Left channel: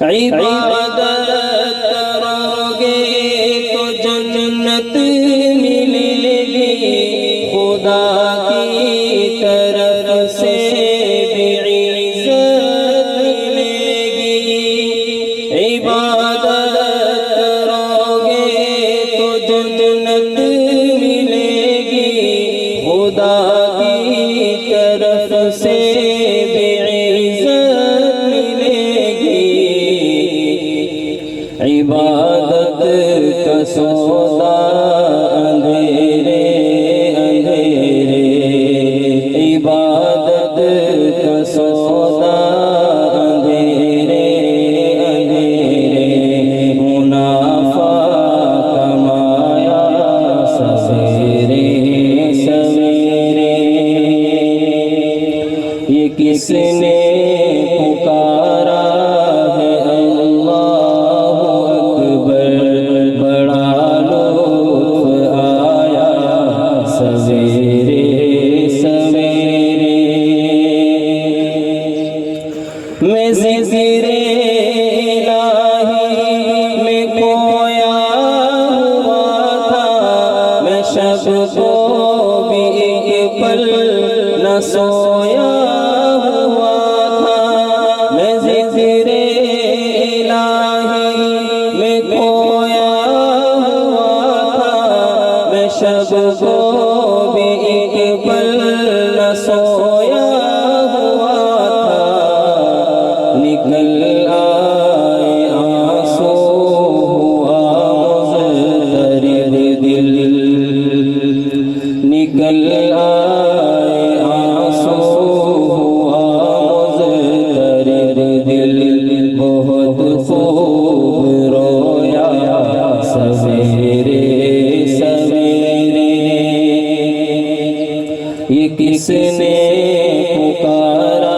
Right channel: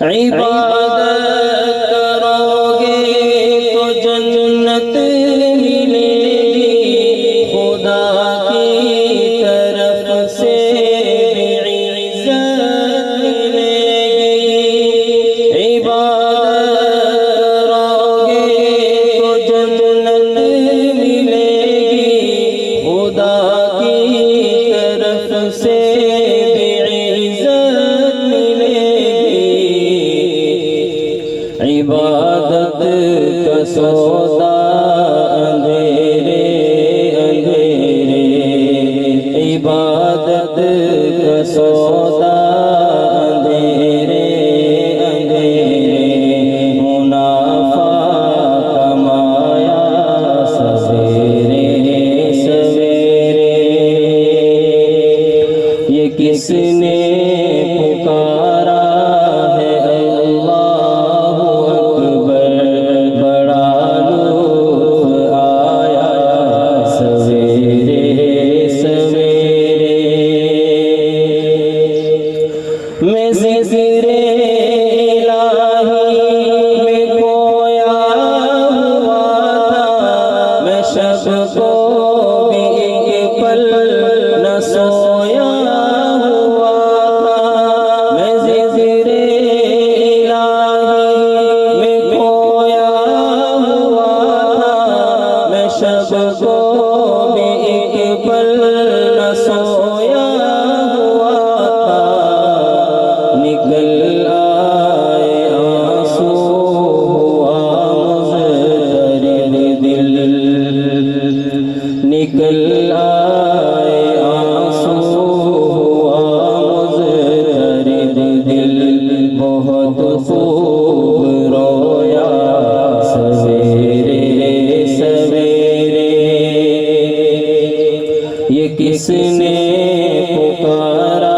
عبادت کرو گے تو جنت ملے گی، خدا کی طرف سے بھی عزت ملے گی۔ عبادت کرو گے تو جنت ملے گی، خدا کی طرف سے بھی عزت ملے گی۔ عبادت کا سودا اندھیرے اندھیرے، عبادت کا سودا اندھیرے اندھیرے، منافع کمایا سویرے سویرے۔ یہ کس نے پکارا ہے اللہ اکبر، بڑا لطف آیا سویرے سویرے۔ میں ذکر الہی میں کھویا ہوا تھا، میں شب کو بھی ایک پل نہ سویا ہوا تھا۔ میں ذکر الہی میں کھویا ہوا تھا، میں شب کو بھی ایک پل نہ سویا ہوا تھا۔ نکل آئے آنسو ہوا مضطرب دل، نکل آئے آنسو ہوا مضطرب دل، بہت خوب رویا سویرے سویرے۔ یہ کس نے پکارا